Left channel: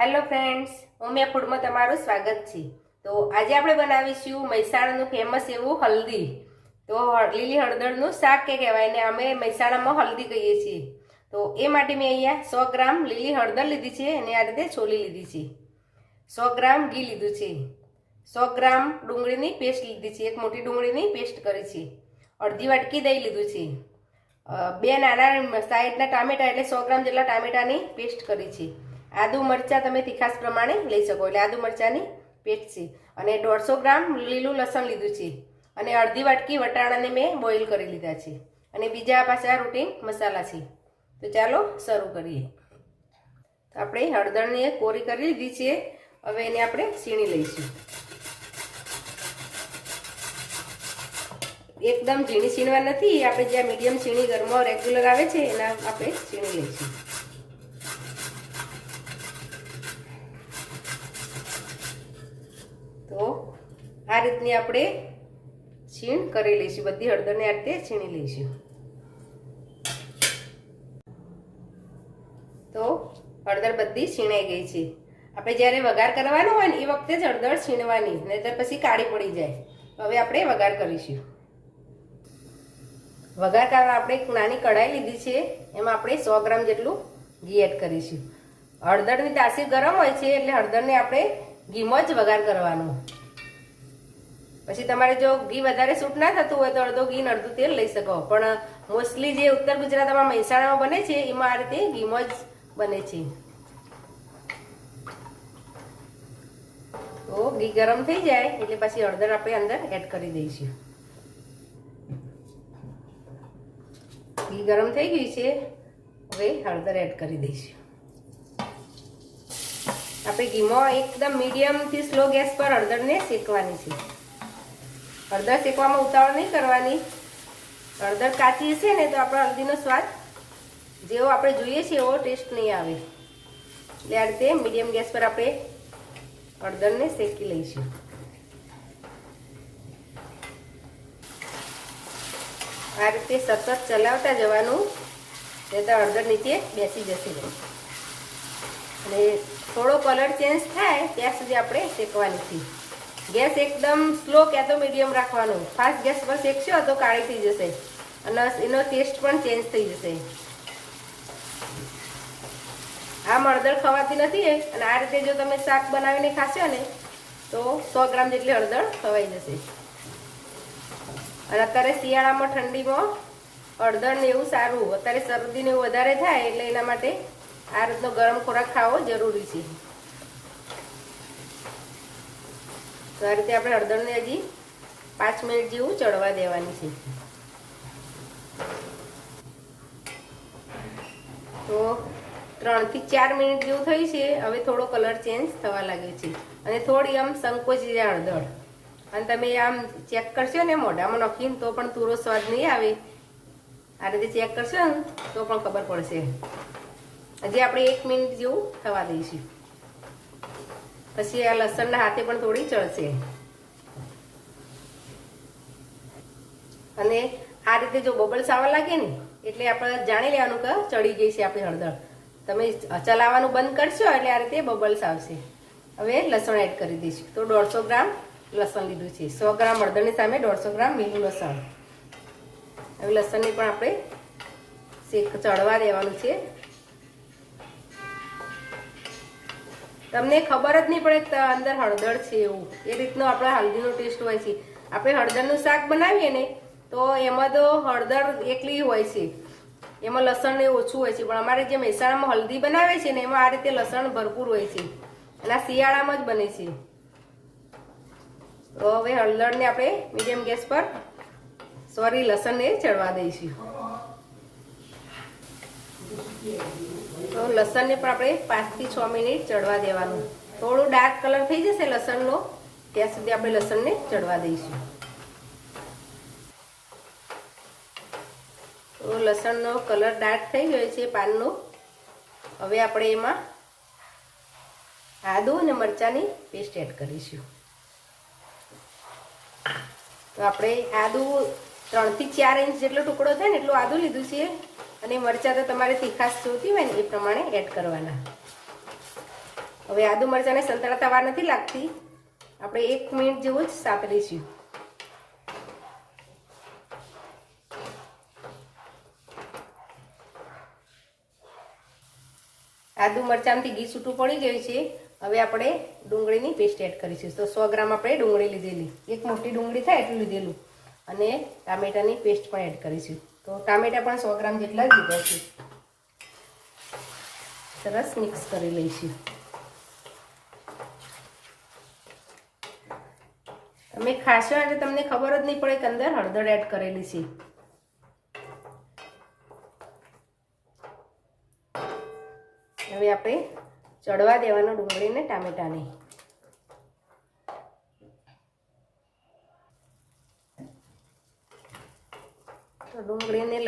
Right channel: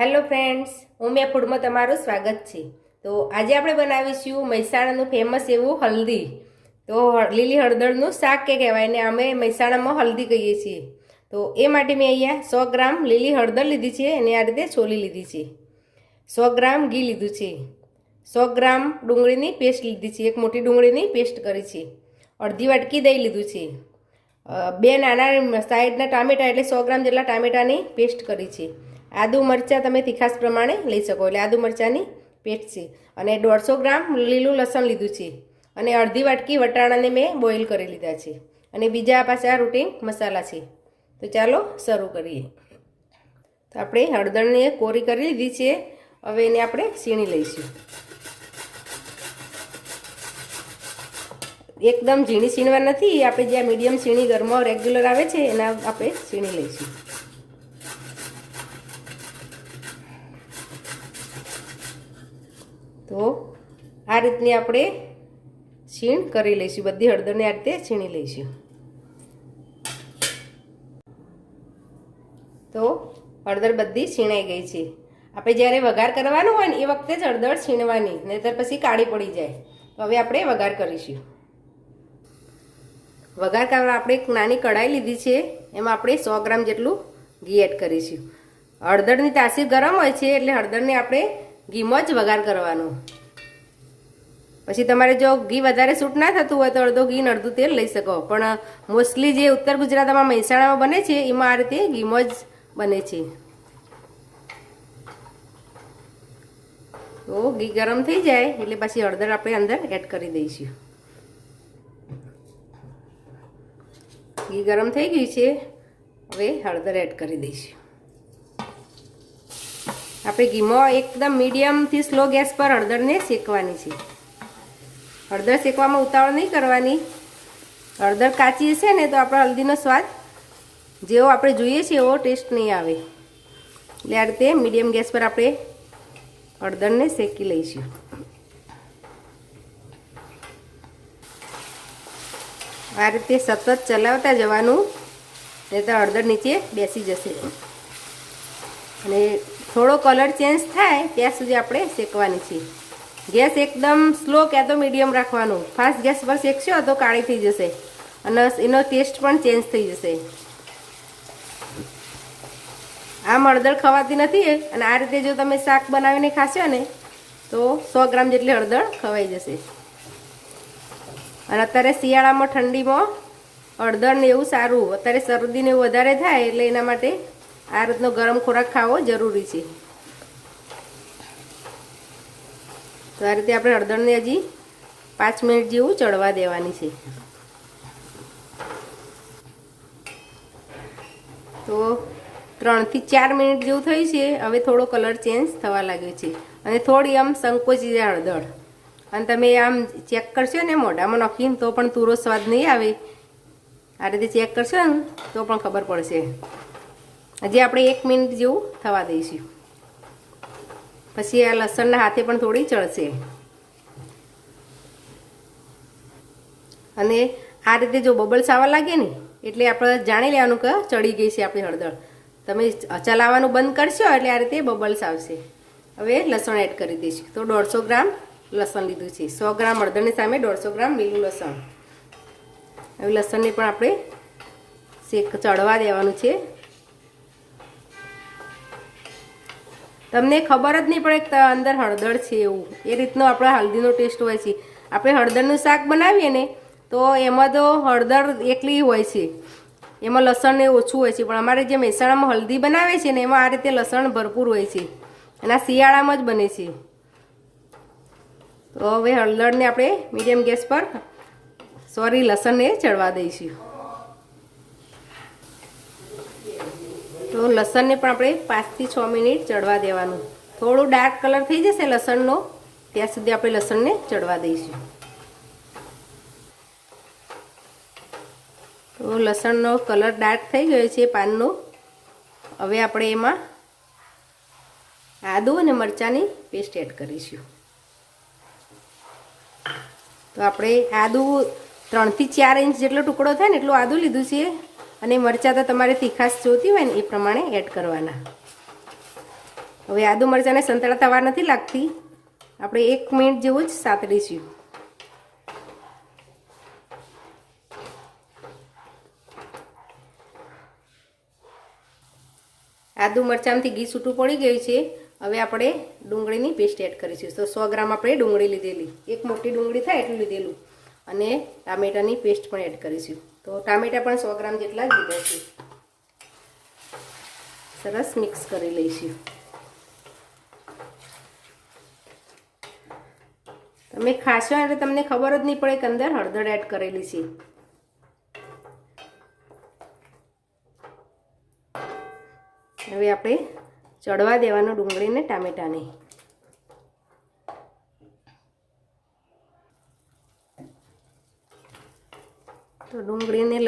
Hello friends, Umiya ફૂડમાં તમારું સ્વાગત છે। તો આજે આપણે બનાવીશું મહેસાણાનું ફેમસ એવું હલ્દી। તો લીલી હળદરનું શાક કે કહેવાય ને અમે મહેસાણામાં હલ્દી કહીએ છીએ। તો એ માટે મેં અહીંયા 100 ગ્રામ લીલી હળદર લીધી છે અને આ રીતે છોલી લીધી છે। 100 ગ્રામ ઘી લીધું છે। 100 ગ્રામ ડુંગળીની પેસ્ટ લીધી છે। એક મોટી ડુંગળીની પેસ્ટ કરી છે। અડધી વાટકી દહીં લીધું છે। બે નાના સાઈડના ટામેટા એટલે 100 ગ્રામ જેટલા ટામેટાની પેસ્ટ કરી છે। આદુ મરચાં તમે તીખાસ પ્રમાણે લઈ શકો એટલે આદુ મરચાંની પેસ્ટ છે। અને 150 ગ્રામ લીલું લસણ લીધું છે। અને અડધી વાટકી વટાણાને મેં બોઇલ કરી લીધા છે। અને બીજા પાછા રૂટીન મસાલા છે। તો ચાલો શરૂ કરીએ। તો આપણે હળદરને કોરી કરી લીધી છે। હવે એને આપણે છીણી લઈશું। એકદમ ઝીણી છીણવા નથી, આપણે જે મીડિયમ છીણી ઘરમાં રેગ્યુલર આવે છે એના આપણે છીણી લઈશું। તો આ રીતની આપણે છીણ કરી લઈશું। બધી હળદરને આ રીતે છીણી લઈશું। તો હળદર બધી છીણાઈ ગઈ છે। આપણે જ્યારે વઘાર કરવાનો હોય ને એ વખતે જ હળદર છીણવાની, નહીંતર પછી કાળી પડી જાય। હવે આપણે વઘાર કરીશું। વઘાર કરવા આપણે એક નાની કઢાઈ લીધી છે, એમાં આપણે 100 ગ્રામ જેટલું ઘી એડ કરીશું। હળદરની તાસીર ગરમ હોય છે એટલે હળદરને આપણે ઘીમાં જ વઘાર કરવાનો। પછી તમારે જો ઘી વધારે સૂટ ના થતું હોય તો અડધો ઘી ને અડધું તેલ લઈ શકો, પણ મોસ્ટલી જે ઉત્તર ગુજરાતમાં મહેસાણામાં બને છે એમાં આ રીતે ઘીમાં જ બને છે। તો ઘી ગરમ થઈ જાય એટલે પછી હળદર આપણે અંદર એડ કરી દઈશું। ઘી ગરમ થઈ ગયું છે, હવે હળદર એડ કરી દઈશું। આપણે ઘીમાં એકદમ મીડિયમથી સ્લો ગેસ પર હળદરને શેકવાની છે। હળદર શેકવામાં ઉતાવળ નહીં કરવાની। હળદર કાચી હશે ને તો આપણા હલ્દીનો સ્વાદ જેવો આપણે જોઈએ છીએ એવો ટેસ્ટ નહીં આવે। એટલે આ રીતે મીડિયમ ગેસ પર આપણે હળદરને શેકી લઈશું। આ રીતે સતત ચલાવતા જવાનું, નહીં તો હળદર નીચે બેસી જશે। અને થોડો કલર ચેન્જ થાય ત્યાં સુધી આપણે શેકવાની છે। ગેસ એકદમ સ્લો કે તો મીડિયમ રાખવાનો। ફાસ્ટ ગેસ પર શેકશો તો કાળી થઈ જશે અને એનો ટેસ્ટ પણ ચેન્જ થઈ જશે। આમ હળદર ખવાતી નથી અને આ રીતે જો તમે શાક બનાવીને ખાશો ને તો 100 ગ્રામ જેટલી હળદર ખવાઈ જશે। અને અત્યારે શિયાળામાં ઠંડીમાં હળદર ને એવું સારું, અત્યારે શરદીને એવું વધારે થાય એટલે એના માટે આ રીતનો ગરમ ખોરાક ખાવો જરૂરી છે। તો આ રીતે આપણે હળદરને હજી 5 મિનિટ જેવું ચડવા દેવાની છે। તો 3 થી 4 મિનિટ જેવું થયું છે। હવે થોડો કલર ચેન્જ થવા લાગ્યો છે અને થોડી આમ સંકોચી જાય હળદર। અને તમે આમ ચેક કરશો ને મોઢામાં નાખીને તો પણ પૂરો સ્વાદ નહીં આવે। આ રીતે ચેક કરશો ને તો પણ ખબર પડશે। હજી આપણે 1 મિનિટ જેવું થવા દઈશું, પછી આ લસણના હાથે પણ થોડી ચડશે। અને આ રીતે જો બબલ્સ આવવા લાગે ને એટલે આપણે જાણી લેવાનું કે ચડી ગઈ છે આપણી હળદર। તમે ચલાવવાનું બંધ કરશો એટલે આ રીતે બબલ્સ આવશે। હવે લસણ એડ કરી દઈશું। તો 150 ગ્રામ લસણ લીધું છે। 100 ગ્રામ હળદરની સામે 150 ગ્રામ લીલું લસણ। હવે લસણને પણ આપણે ચડવા દેવાનું છે। તમને ખબર જ નહીં પડે કે અંદર હળદર છે એવું, એ રીતનો આપણા હલ્દીનો ટેસ્ટ હોય છે। આપણે હળદરનું શાક બનાવીએ ને તો એમાં તો હળદર એકલી હોય છે, એમાં લસણ ને ઓછું હોય છે, પણ અમારે જે મહેસાણામાં હલ્દી બનાવે છે ને એમાં આ રીતે લસણ ભરપૂર હોય છે અને આ શિયાળામાં જ બને છે। તો હવે હળદરને આપણે મીડિયમ ગેસ પર લસણને ચડવા દઈશું। તો લસણને પણ આપણે 5 થી 6 મિનિટ ચડવા દેવાનું। થોડું ડાર્ક કલર થઈ જશે લસણનો ત્યાં સુધી આપણે લસણને ચડવા દઈશું। તો લસણનો કલર ડાર્ક થઈ ગયો છે પાનનો। હવે આપણે એમાં આદુ અને મરચાંની પેસ્ટ એડ કરીશું। તો આપણે આદુ 3 થી 4 ઇંચ જેટલો ટુકડો થાય ને એટલું આદુ લીધું છે અને મરચાં તો તમારે તીખાશ જોતી હોય ને એ પ્રમાણે એડ કરવાના। હવે આદુ મરચાંને સંતળાતા વાર નથી લાગતી, આપણે 1 મિનિટ જેવું જ સાતળીશું. આદુ મરચાંથી ઘી છૂટું પડી ગયું છે. હવે આપણે ડુંગળીની પેસ્ટ એડ કરીશું. તો 100 ગ્રામ આપણે ડુંગળી લીધેલી, એક મોટી ડુંગળી થાય એટલું લીધેલું, અને ટામેટાની પેસ્ટ પણ એડ કરીશું. તો ટામેટા પણ 100 ગ્રામ જેટલા જ લીધા છે. સરસ મિક્સ કરી લઈશું. તમે ખાશો એટલે તમને ખબર જ નહીં પડે કે અંદર હળદર એડ કરેલી છે. હવે આપણે ચડવા દેવાનું ડુંગળીને ટામેટાને. તો ડુંગળીને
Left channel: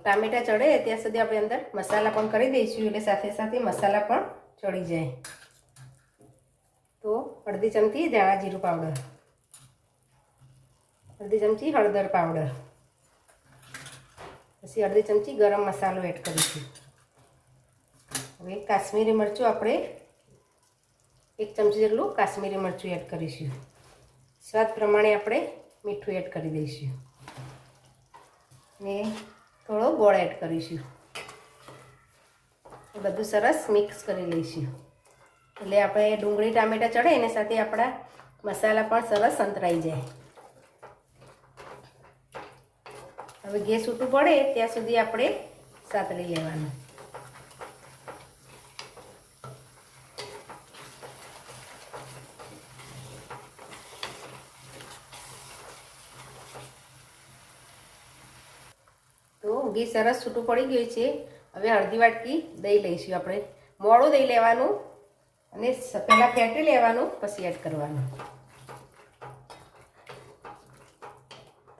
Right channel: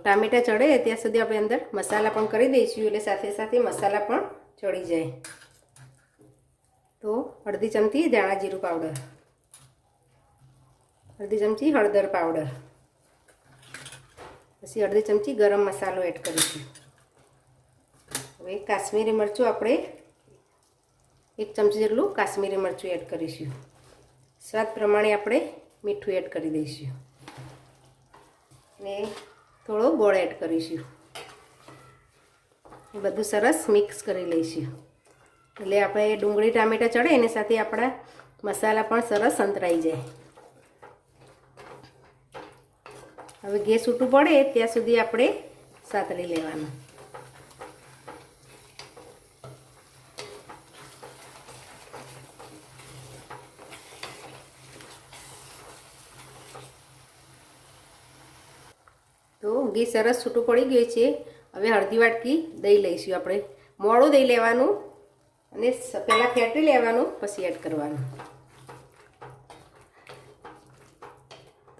ટામેટા ચડે ત્યાં સુધી આપણે અંદર મસાલા પણ કરી દઈશું, એટલે સાથે સાથે મસાલા પણ ચડી જાય. તો અડધી ચમચી ધાણા જીરું પાવડર, અડધી ચમચી હળદર પાવડર, પછી અડધી ચમચી ગરમ મસાલો એડ કરીશું. હવે કાશ્મીરી મરચું આપણે 1 ચમચી જેટલું કાશ્મીરી મરચું એડ કરીશું. સ્વાદ પ્રમાણે આપણે મીઠું એડ કરી દઈશું ને થોડો ગોળ એડ કરીશું. એ બધું સરસ મિક્સ કરી લઈશું. એટલે આપણે ડુંગળી ટામેટા ચડે એની સાથે આપણા મસાલા પણ સરસ સંતરાઈ જાય. હવે ગેસ છૂટું પડે ત્યાં સુધી આપણે સાતળી લેવાનું. તો ઘી સરસ છૂટું પડી ગયું છે. હવે અડધી વાટકી દહીં લઈશું આપણે. મોડું દહીં લેવાનું અને પહેલાં ફેટી લેવાનું, પછી એડ કરવાનું.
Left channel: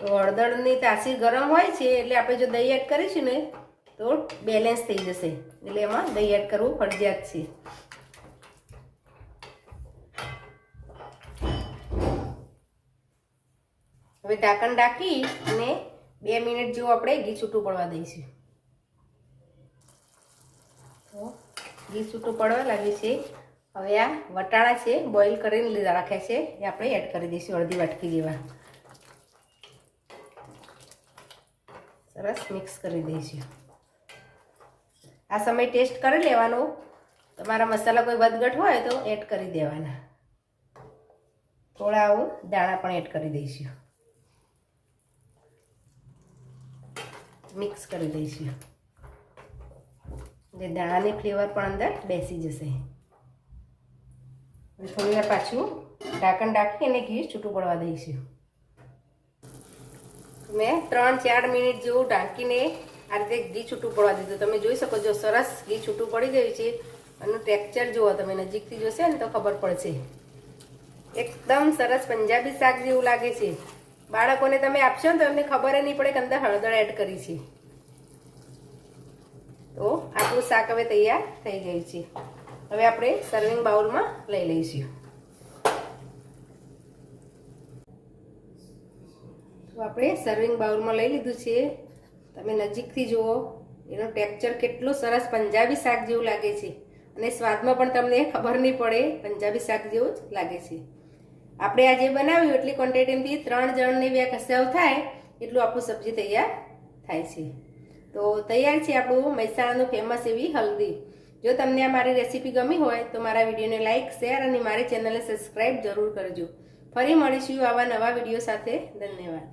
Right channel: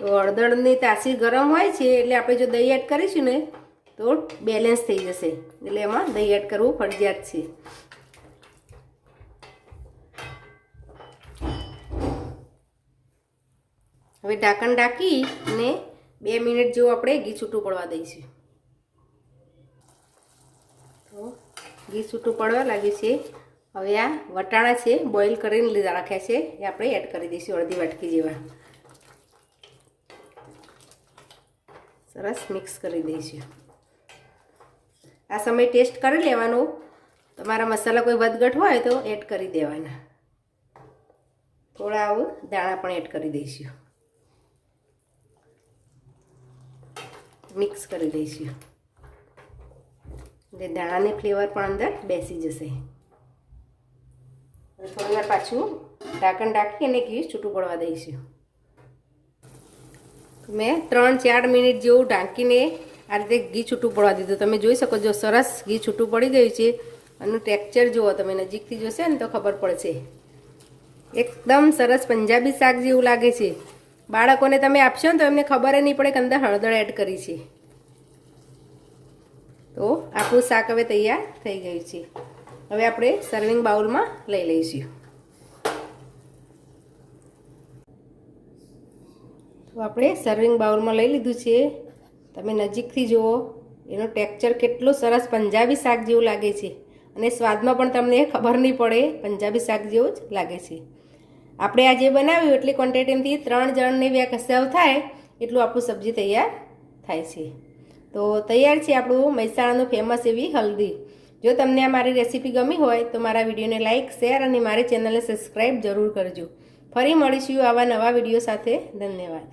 તો હળદરની તાસીર ગરમ હોય છે એટલે આપણે જો દહીં એડ કરીશું ને તો બેલેન્સ થઈ જશે, એટલે એમાં દહીં એડ કરવું ફરજિયાત છે. હવે ઢાંકણ ઢાંકી અને 2 મિનિટ જેવું આપણે ઘી છૂટું પડવા દઈશું. તો ઘી છૂટું પડવા લાગ્યું છે. હવે આ વટાણા છે બોઇલ કરીને લીધા રાખ્યા છે, એ આપણે એડ કરી દઈશું અડધી વાટકી જેવા. સરસ મિક્સ કરી દઈશું. આ સમય ટેસ્ટ કરી લેવાનું. તમારા મસાલા કોઈ વધઘટ હોય તો એડ કરી દેવાના. થોડા આવું દાણા પણ એડ કરી દઈશું. મિક્સ કરી દઈશું એટલે દાણાની ફ્લેવર પણ અંદર બેસી જશે. થોડી વાર પાછું ઢાંકણ ઢાંકી અને ઘી છૂટું પડવા દઈશું. મેં 3-4 મિનિટ જેવું ઢાંકીને આ રીતે ઘી છૂટું પડવા દીધું. તમે જોઈ શકો છો સરસ ઘી છૂટું પડી ગયું છે. આનું ટેક્સચર જુઓ, તમે નજીકથી જોશે ને તો ખબર પડશે. એકદમ સરસ પંજાબી શાક જેવું લાગે છે. બાળકોને તમે આપશો ને તો એમને ખબર નહીં પડે કે અંદર હળદર એડ કરી છે. તો આપણું શાક હવે તૈયાર થઈ ગયું છે. હવે આપણે સર્વિંગ બાઉલમાં લઈ લઈશું. તો આપણે સર્વિંગ બાઉલમાં લઈ લીધું છે. તમે નજીકથી જુઓ, એનો ટેક્સચર કેટલું સરસ પંજાબી શાક જેવું લાગે છે, અને સ્વાદમાં પણ તમને ખબર નહીં પડે, પંજાબી શાક જેવું જ લાગે છે. આપણે આ જે બનાવ્યું એટલી ક્વોન્ટિટીથી 3 જણને કસાવ થાય એટલું આપણું સબ્જી તૈયાર થાય છે. તો તૈયાર છે આપણું મહેસાણાનું ફેમસ એવી હલ્દી. જો તમને આ મારી રેસીપી ગમી હોય તો મારા વિડીયોને લાઇક, શેર અને મારી ચેનલને સબસ્ક્રાઈબ જરૂર કરજો. ફરી મળીશું આવા નવા વિડીયો સાથે. ધન્યવાદ.